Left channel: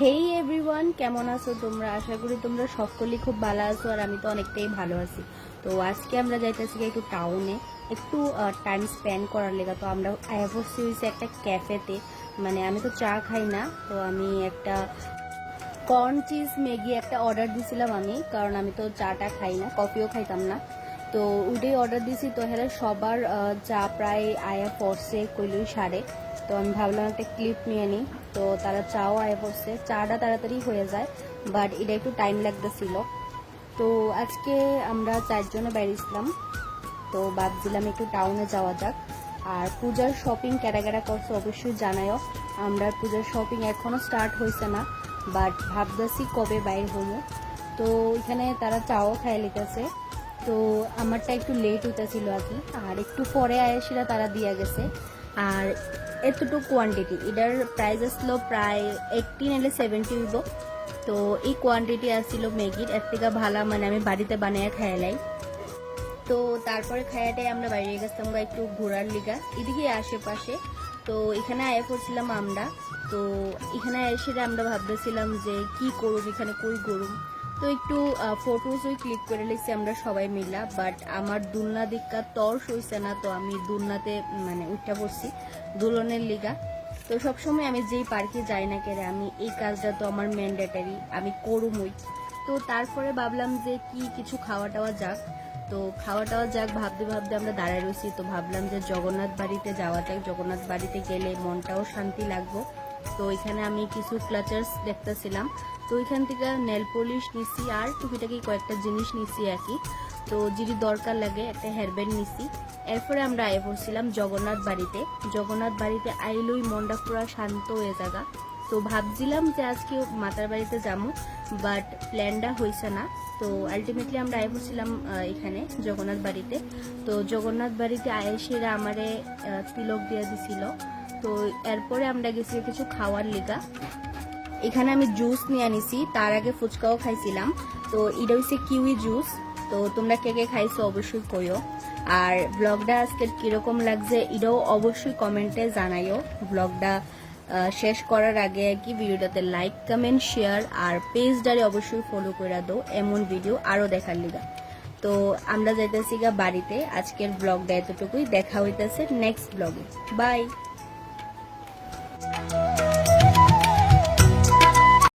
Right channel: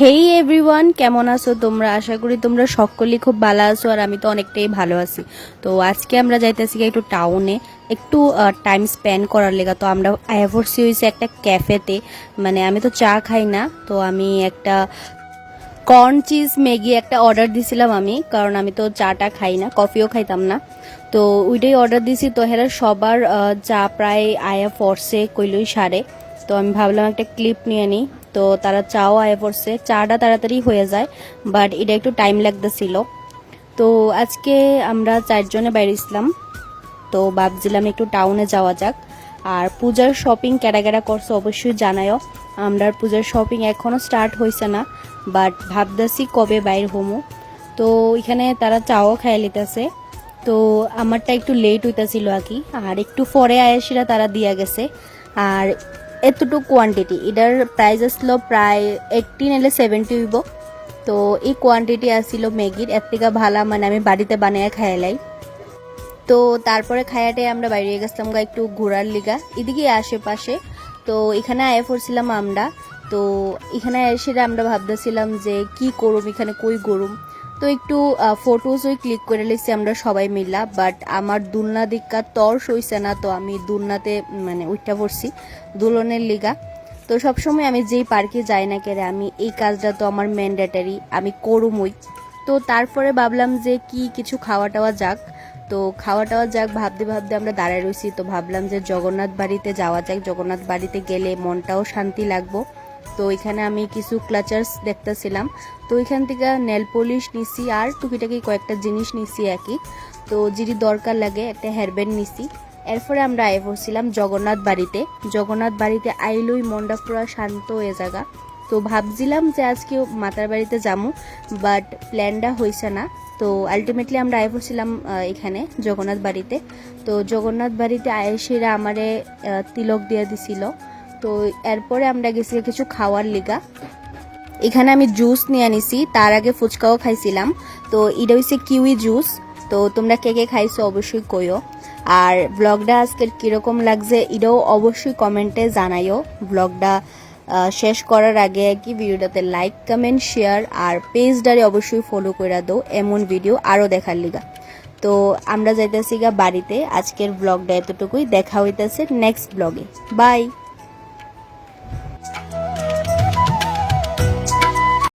হেই everyone, কেমন আছো তোমরা? আশা করি তোমরা সকলেই খুব ভালো আছো, আর আমি তো অনেকটাই ভালো আছি। তো আজকে আমরা যাইতেছি একটু টাউনে, একটু টাইম স্পেন্ড করার লেগা। তো আমরা আইভরসি হয়েছে একটা ক্যাফেতে। মানে আমি তো চা খাই না, তো আমি একটা কর্ন চিজ ম্যাগি একটা অর্ডার দিছিলাম আমি, কারণ আমি তো চাটা খাই না, কফিও খাইতাম না। তো ওইটাই অর্ডার দিছি। তো হেরা সবার চা প্রায় আয়া পড়ছে কইলই সারে। তো আমি ভাবলাম একটা ক্লিপ নিয়ে নিই। তো তারা চাও আয়া পড়ছে, চাটা তাড়াতাড়ি হয়ে যায়, বাট এটা একটু টাইম লাগতেছিল। তো আজকে আমরা 4 জনে বেরিয়েছিলাম। তো ভাবছিলাম একটু টাউনে যাওয়া যাক। আর পূজার শপিং কেডা কেডা করছে অবশ্যই জানায়ও। আমরা পূজার শপিং এখনও স্টার্ট হয়েছে না, বাট ভাবতেছি কবে বাইর হমো। তো এখানে তারা চাও খাইয়ে লিতেছে। তো আমারটা একটু লেট হইতেছিল আর কি, আর একটু পরে আয়াসিরা তারা দিয়া গেছে। আর এতটুকু কোয়ান্টিটি, এটার প্রাইস আসলো প্রায় 80 নাহলে 70 হইব। তো এই কোয়ান্টিটি আসছিল ম্যাগির, এর থেকে ভালো মানে আমি বাড়িতে বানিয়ে খাইলাই। তো তারপরে খায়াটে আমরা বাইরে গেছিলাম একটু ঘোরার লিগা এদিকে আশেপাশে। তো এখানে আয়ে পড়ছিলাম আমরা। তো এখানে এসে আমরা ভাবতেছিলাম যে কি করুম, এখানে কই গরুম। তো একটু ফটোজ ওই ক্লিক করে লিখছি আমরা সবাই মিলা, বাট আমার দুলনা দিকা তর্স হইছে না। তো আমি দুলনাতে মানে উঠটা পড়ছি দুলনের লিগা। তো সবসময় আমি যেই পার্কে যাই না কেরে, আমি এই কাজটা তো আমার ম্যান্ডেটারি, আমি করুমই। তো তারপরে ভাবলাম যে কি কিছু খাওয়া টাওয়া যাক। তো খাওয়া টাওয়া যাক ভাবতে ভাবতে আমরা দাঁড়ায় রয়েছি। তো ভাবলাম যে জগন্নাথ বাড়িতে যাওয়া যাক, জগন্নাথ বাড়িতে গেলে মনটাও শান্তি লাগবো। তো এখানে আমি কিছু ক্লাচার্স দেখতেছিলাম। তো এখান থেকে নেল পলিশ নিছি, আর টুকিটাকি কয়েকটা জিনিস নিছি একই। তো যেটি দরকার লাগে একটা হেয়ারব্যান্ড নিছি। এরপরে আমরা আয়ে পড়ছিলাম জগন্নাথ বাড়িতে। জগন্নাথ বাড়িতে আইলই মনটা পুরো শান্ত হয়ে জায়গা। তো ভাবছিলাম যে আজকে মাতার বাড়িতে যাবো, বাট প্ল্যানটা হয়েছে না। তো আলটিমেটলি আমরা আয়ে পড়ছিলাম এখানে জগন্নাথ বাড়িতে। তো জগন্নাথ বাড়িতে আয়েসেরা আমারে তিলক দিয়ে দিছিল। তো এরপরে আমরা গেছি কিছু খাওয়ার লিগা। এখানে আমি জুস নিয়ে আনিছি, তার আগে ফুচকাও খাইছিলাম। তো এটা হচ্ছে কিউই জুস। তো তোমরা কে কে খাইছো অবশ্যই কইও। আর ব্লগটা আজকের কীরকম লাগছে এটাও অবশ্যই কমেন্টে জানাইও। ব্লগটা শেষ করার আগে কি ভিডিওটাতে লাইক কমেন্ট শেয়ার আর পেজটারে অবশ্যই ফলো করে দাও এমন ভিডিও আরও দেখার লিগা। তো আমরা যাইতেছি গা বাড়িতে। আজকের ব্লগটা এতটুকুই, দেখা হইতেছে নেক্সট ব্লগে। বাই।